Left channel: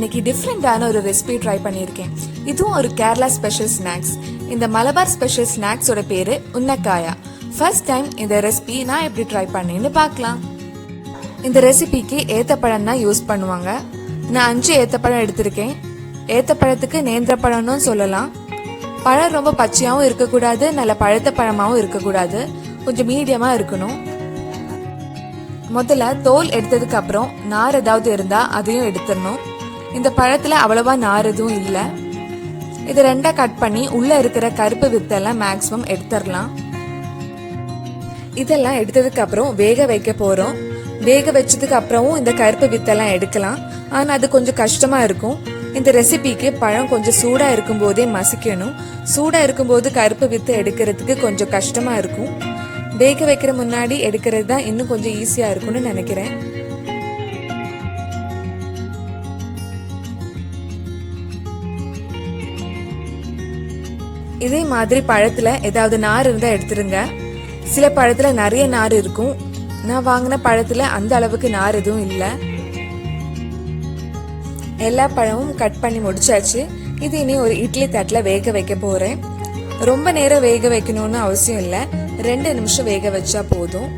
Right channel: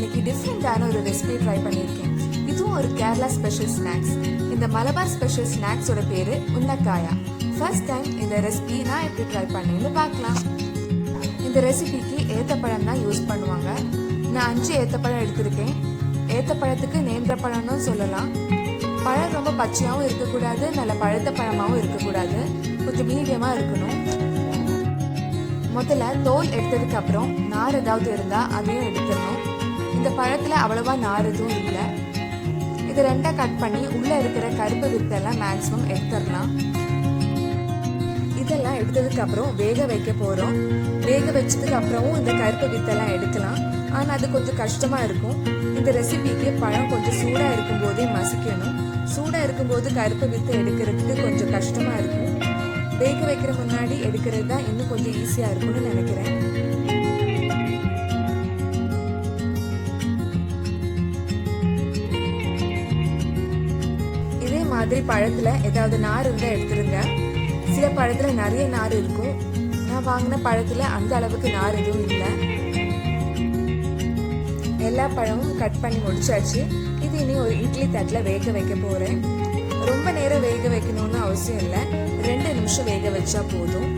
இன்னைக்கு டிஃப்ரெண்டான ஒரு ரெசிபி ட்ரை பண்ணியிருக்கேன். இதுவும் ஒரு கேரளா ஸ்பெஷல் ஸ்நாக்ஸ். இந்த மலபார் ஸ்பெஷல் ஸ்நாக்ஸோட பேரு உன்னக்காயா. ஃபர்ஸ்ட் டைம் இந்த ரெசிபி நான் எப்படி ட்ரை பண்ணேன்னு பார்க்கலாம். இந்த ரெசிபிக்கு ஏத்தப்பழம் தான் யூஸ் பண்ணுவாங்க. நான் 5 ஏத்தப்பழம் எடுத்திருக்கேன். ஏத்தப்பழத்துக்கு நேந்திரப்பழம்னு சொல்லலாம். பழம் ரொம்ப பச்சையாகவும் இருக்கக்கூடாது, நல்ல பழுத்த பழமாகவும் இருக்கக்கூடாது, கொஞ்சம் மீடியமாக இருக்கணும். முதல்ல தோல் எடுத்ததுக்கு அப்புறம் நார் ஏதாவது இருந்தா அதையும் எடுத்துடணும். இந்த பழத்துல அவ்வளவா நார் எதுவும் இல்லை. இதை 2 கட் பண்ணி உள்ள இருக்கிற கருப்பு வித்தெல்லாம் மேக்சிமம் எடுத்துடலாம். இதெல்லாம் எடுத்ததுக்கு அப்புறம் வேக வைக்க போறோம். வேக வச்சதுக்கு அப்புறமும் இந்த கருப்பு வித்தெல்லாம் எடுக்கலாம். ஆனா அது கொஞ்சம் கஷ்டமா இருக்கும். இந்த ரெசிபிக்கு பழம் கொஞ்சம் சூடா இருக்கும் போதே மசிக்கணும். சூடா இருக்கும்போது கருப்பு வித்தை எடுக்கிறதுக்கு கொஞ்சம் கஷ்டமா இருக்கும். வேக வைக்கிற முன்னாடி எடுக்கிறது தான் இன்னும் கொஞ்சம் ஈஸியா இருக்கும்னு நினைக்கிறேன். இதே மாதிரி பழத்துல ஏதாவது நார் இருந்தா எடுத்துருங்க. சில பழத்துல நிறைய நார் இருக்கும். நான் வாங்கின பழத்துல அந்த அளவுக்கு நார் எதுவும் இல்லை. எல்லா பழமும் கட் பண்ணி முடிச்சாச்சு. இது இனி ஒரு இட்லி தட்டுல வேக வைக்க போறேன். ரொம்ப நேரம் வேக வைக்கணும்னு அவசியம் இல்லை. 2 நிமிஷம் வேக வச்சா போதும்.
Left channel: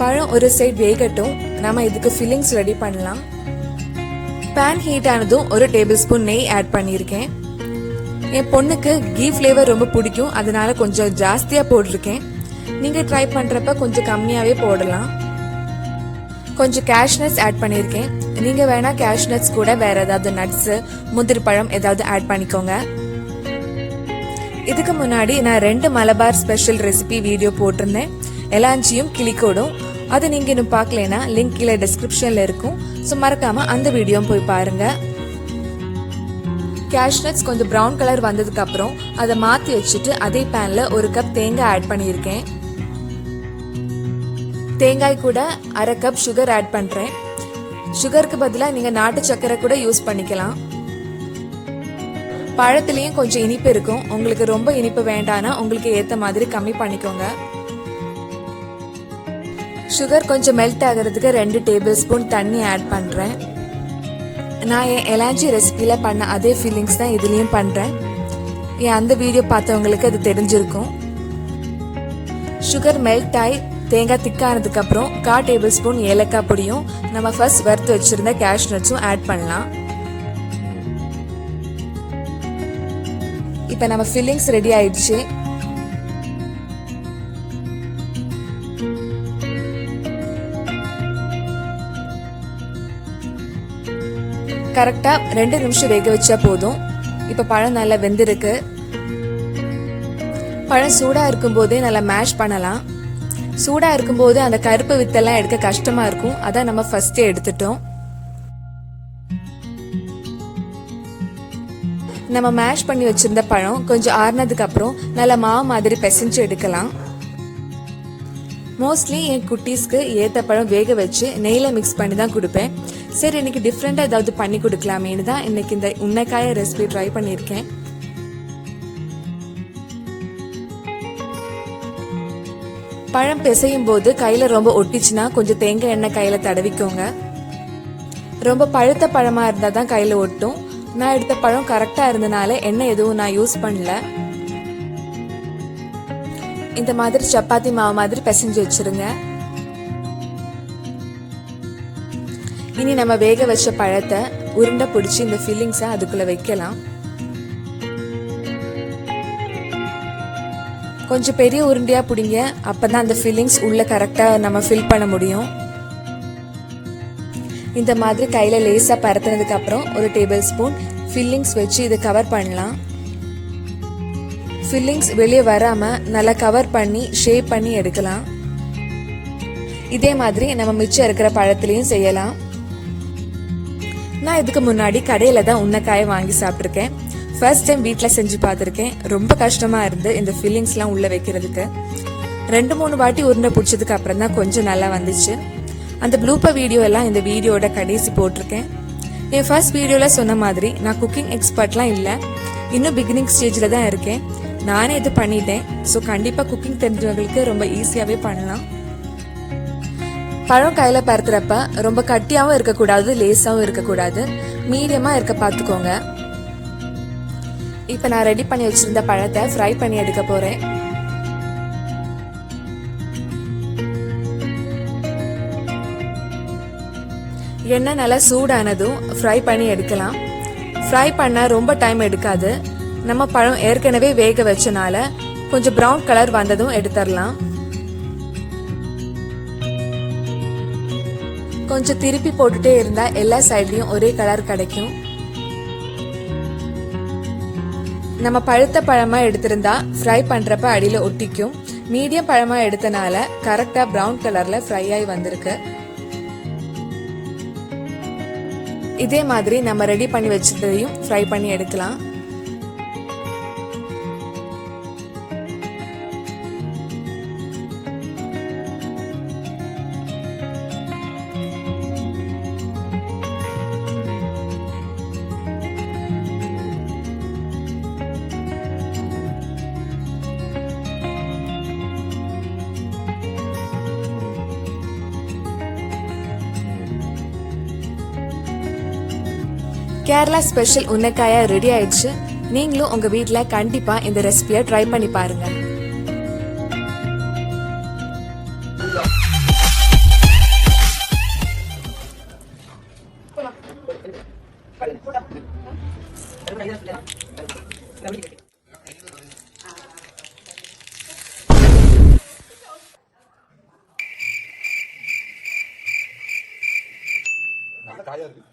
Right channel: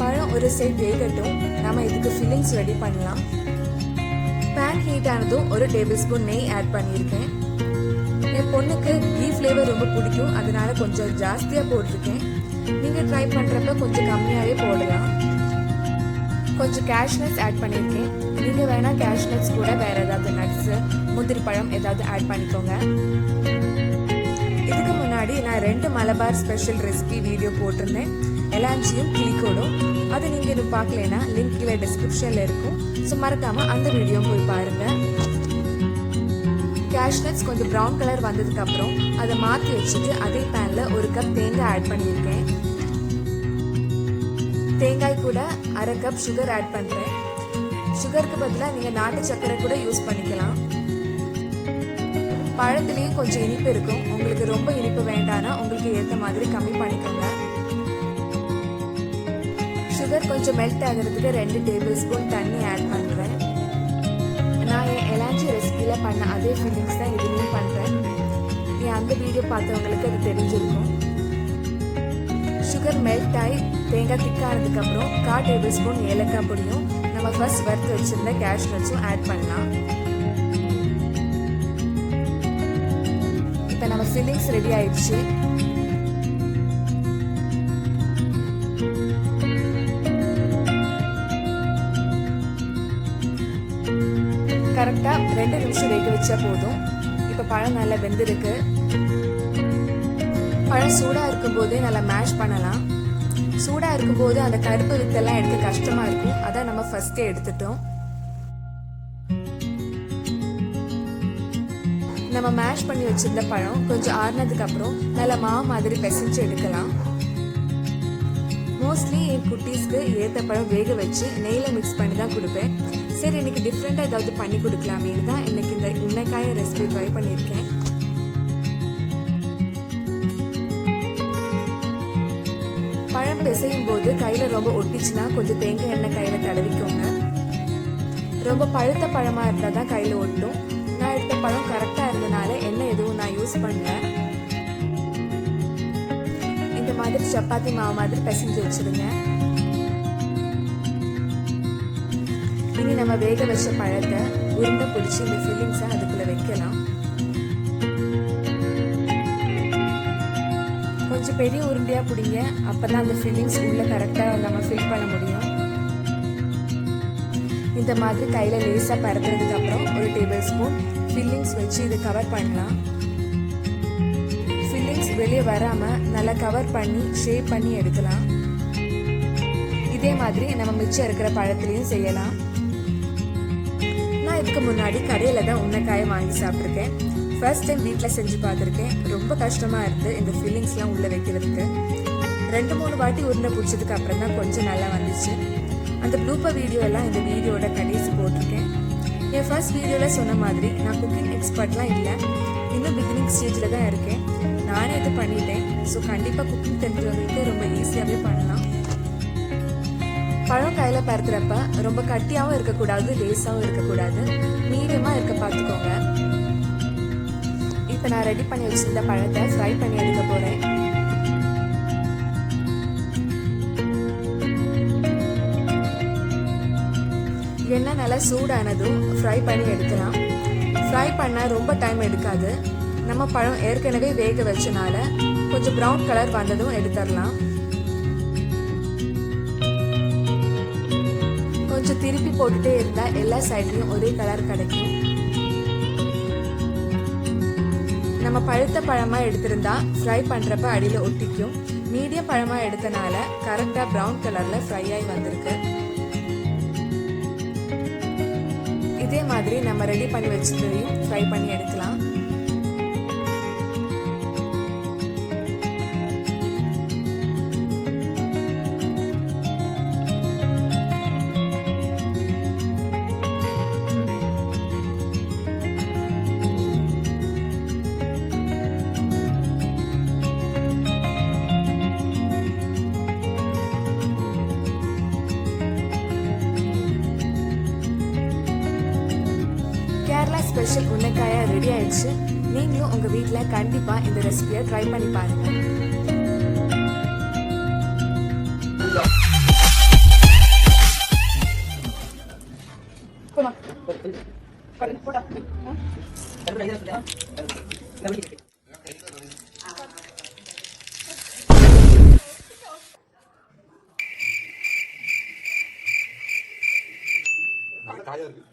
பழம் ஒரு சைடு வேகட்டும். நம்ம இதுக்கு ஃபில்லிங்ஸ் ரெடி பண்ணலாம். பேன் ஹீட் ஆனதும் 1 டேபிள் ஸ்பூன் நெய் ஆட் பண்ணியிருக்கேன். என் பொண்ணுக்கு கீ ஃப்ளேவர் ரொம்ப பிடிக்கும், அதனால கொஞ்சம் ஜாஸ்தியா போட்டிருக்கேன். நீங்க ட்ரை பண்றப்ப கொஞ்சம் கம்மியாவே போடலாம். கொஞ்சம் கேஷ்நட்ஸ் ஆட் பண்ணியிருக்கேன். நீங்க வேணா கேஷ்நட்ஸ் கூட வேற ஏதாவது நட்ஸ், முந்திரி பழம் ஏதாவது ஆட் பண்ணிக்கோங்க. இதுக்கு முன்னாடி நான் 2 மலபார் ஸ்பெஷல் ரெசிபி வீடியோ போட்டிருந்தேன், எலாஞ்சியும் கிளிக்கோடும். அது நீங்க இன்னும் பார்க்கலனா லிங்க் கீழே டிஸ்கிரிப்ஷன்ல இருக்கும். ஸோ மறக்காம அந்த வீடியோ போய் பாருங்க. கேஷ்நட்ஸ் கொஞ்சம் ப்ரௌன் கலர் வந்ததுக்கு அப்புறம் அதை மாத்தி வச்சுட்டு அதே பேன்ல 1 கப் தேங்காய் ஆட் பண்ணியிருக்கேன். தேங்காய் கூட 1/2 கப் சுகர் ஆட் பண்றேன். சுகருக்கு பதிலாக நீங்க நாட்டு சர்க்கரை கூட யூஸ் பண்ணிக்கலாம். பழத்திலையும் கொஞ்சம் இனிப்பு இருக்கும். உங்களுக்கு ரொம்ப இனிப்பு வேண்டானா உங்களுக்கு ஏத்த மாதிரி கம்மி பண்ணிக்கோங்க. சுகர் கொஞ்சம் மெல்ட் ஆகிறதுக்கு 2 டேபிள் ஸ்பூன் தண்ணி ஆட் பண்றேன். நான் என் எலாஞ்சி ரெசிபியில பண்ண அதே ஃபீலிங்ஸ் தான் இதுலயும் பண்றேன். என் அந்த வீடியோ பார்த்தவங்களுக்கு அது தெரிஞ்சிருக்கும். சுகர் மெல்ட் ஆகி தேங்காய் திக்கானதுக்கு அப்புறம் 1/4 டேபிள் ஸ்பூன் ஏலக்காய் பொடியும் நம்ம ஃபர்ஸ்ட் வறுத்து வச்சிருந்த கேஷ்நட்ஸும் ஆட் பண்ணலாம். இப்போ நம்ம ஃபில்லிங்ஸ் ரெடி ஆயிடுச்சு. கரெக்டா 2 நிமிஷம் வேக வச்சா போதும். இப்ப பழம் நல்லா வெந்திருக்கு. பழம் சூடா இருக்கும் போதே நல்லா மேஷ் பண்ணலாம். சூடா இருக்கும் போது அந்த கருப்பு வித்தெல்லாம் எடுக்க கஷ்டமா இருக்கும். அதான் நம்ம ஃபர்ஸ்டே எடுத்துட்டோம். நம்ம மேஷ் பண்ணி வச்சிருந்த பழம் கொஞ்சம் ஆறுனதுக்கு அப்புறம் நல்ல மாவு மாதிரி பிசைஞ்சு எடுக்கலாம். மோஸ்ட்லி என் குட்டீஸ்க்கு ஏத்த பழம் வேக வச்சு நெய்ல மிக்ஸ் பண்ணி தான் கொடுப்பேன். சரி, இன்னைக்கு டிஃப்ரெண்டா ஏதாவது பண்ணி கொடுக்கலாமேன்னு தான் இன்னைக்கு இந்த உன்னக்காய ரெசிபி ட்ரை பண்ணியிருக்கேன். பழம் பிசையும் போது கையில ரொம்ப ஒட்டிச்சுன்னா கொஞ்சம் தேங்காய் எண்ணெய் கையில தடவிக்கோங்க. ரொம்ப பழுத்த பழமா இருந்தா தான் கையில ஒட்டும். நான் எடுத்த பழம் கரெக்டா இருந்தனால எண்ணெய் எதுவும் நான் யூஸ் பண்ணல. இந்த மாதிரி சப்பாத்தி மாவு மாதிரி பிசைஞ்சு வச்சிருங்க. இனி நம்ம வேக வச்ச பழத்தை உருண்டை பிடிச்சி இந்த ஃபில்லிங்ஸை அதுக்குள்ள வைக்கலாம். கொஞ்சம் பெரிய உருண்டையா பிடிங்க, அப்பதான் அந்த ஃபில்லிங்ஸ் உள்ள கரெக்டா நம்ம ஃபில் பண்ண முடியும். இந்த மாதிரி கையில லேசா பரத்துனதுக்கு அப்புறம் 1 டேபிள் ஸ்பூன் ஃபில்லிங்ஸ் வச்சு இதை கவர் பண்ணலாம். ஃபில்லிங்ஸ் வெளியே வராம நல்லா கவர் பண்ணி ஷேப் பண்ணி எடுக்கலாம். இதே மாதிரி நம்ம மிச்சம் இருக்கிற பழத்திலையும் செய்யலாம். நான் இதுக்கு முன்னாடி கடையில தான் உன்னக்காயை வாங்கி சாப்பிட்ருக்கேன். ஃபர்ஸ்ட் டைம் வீட்டில் செஞ்சு பார்த்துருக்கேன். ரொம்ப கஷ்டமா இருந்து இந்த ஃபில்லிங்ஸ்லாம் உள்ள வைக்கிறதுக்கு. 2-3 வாட்டி உருண்டை பிடிச்சதுக்கு அப்புறம் தான் கொஞ்சம் நல்லா வந்துச்சு. அந்த ப்ளூப்பர் வீடியோ எல்லாம் இந்த வீடியோட கடைசி போட்டிருக்கேன். என் ஃபர்ஸ்ட் வீடியோல சொன்ன மாதிரி நான் குக்கிங் எக்ஸ்பர்ட்லாம் இல்லை, இன்னும் பிகினிங் ஸ்டேஜில் தான் இருக்கேன். நானே இது பண்ணிட்டேன். ஸோ கண்டிப்பாக குக்கிங் தெரிஞ்சவங்களுக்கு ரொம்ப ஈஸியாகவே பண்ணலாம். பழம் கையில் பருத்துறப்ப ரொம்ப கட்டியாகவும் இருக்கக்கூடாது, லேஸாகவும் இருக்கக்கூடாது, மீடியமாக இருக்க பார்த்துக்கோங்க. இப்போ நான் ரெடி பண்ணி வச்சிருந்த பழத்தை ஃப்ரை பண்ணி எடுக்க போகிறேன். எண்ணெய் நல்லா சூடானதும் ஃப்ரை பண்ணி எடுக்கலாம். ஃப்ரை பண்ண ரொம்ப டைம் எடுக்காது. நம்ம பழம் ஏற்கனவே வேக வச்சனால கொஞ்சம் ப்ரௌன் கலர் வந்ததும் எடுத்துடலாம். கொஞ்சம் திருப்பி போட்டுட்டே இருந்தா எல்லா சைட்லயும் ஒரே கலர் கிடைக்கும். நம்ம பழுத்த பழமா எடுத்திருந்தா ஃப்ரை பண்றப்ப அடியில ஒட்டிக்கும். மீடியம் பழமா எடுத்தனால கரெக்டா ப்ரௌன் கலர்ல ஃப்ரை ஆகி வந்திருக்கு. இதே மாதிரி நம்ம ரெடி பண்ணி வச்சதையும் ஃப்ரை பண்ணி எடுக்கலாம். கேரளா ஸ்பெஷல் உன்னக்காயா ரெடி ஆயிடுச்சு. நீங்களும் உங்க வீட்ல கண்டிப்பா இந்த ரெசிபியை ட்ரை பண்ணி பாருங்க. நல்ல காயா இருக்கு.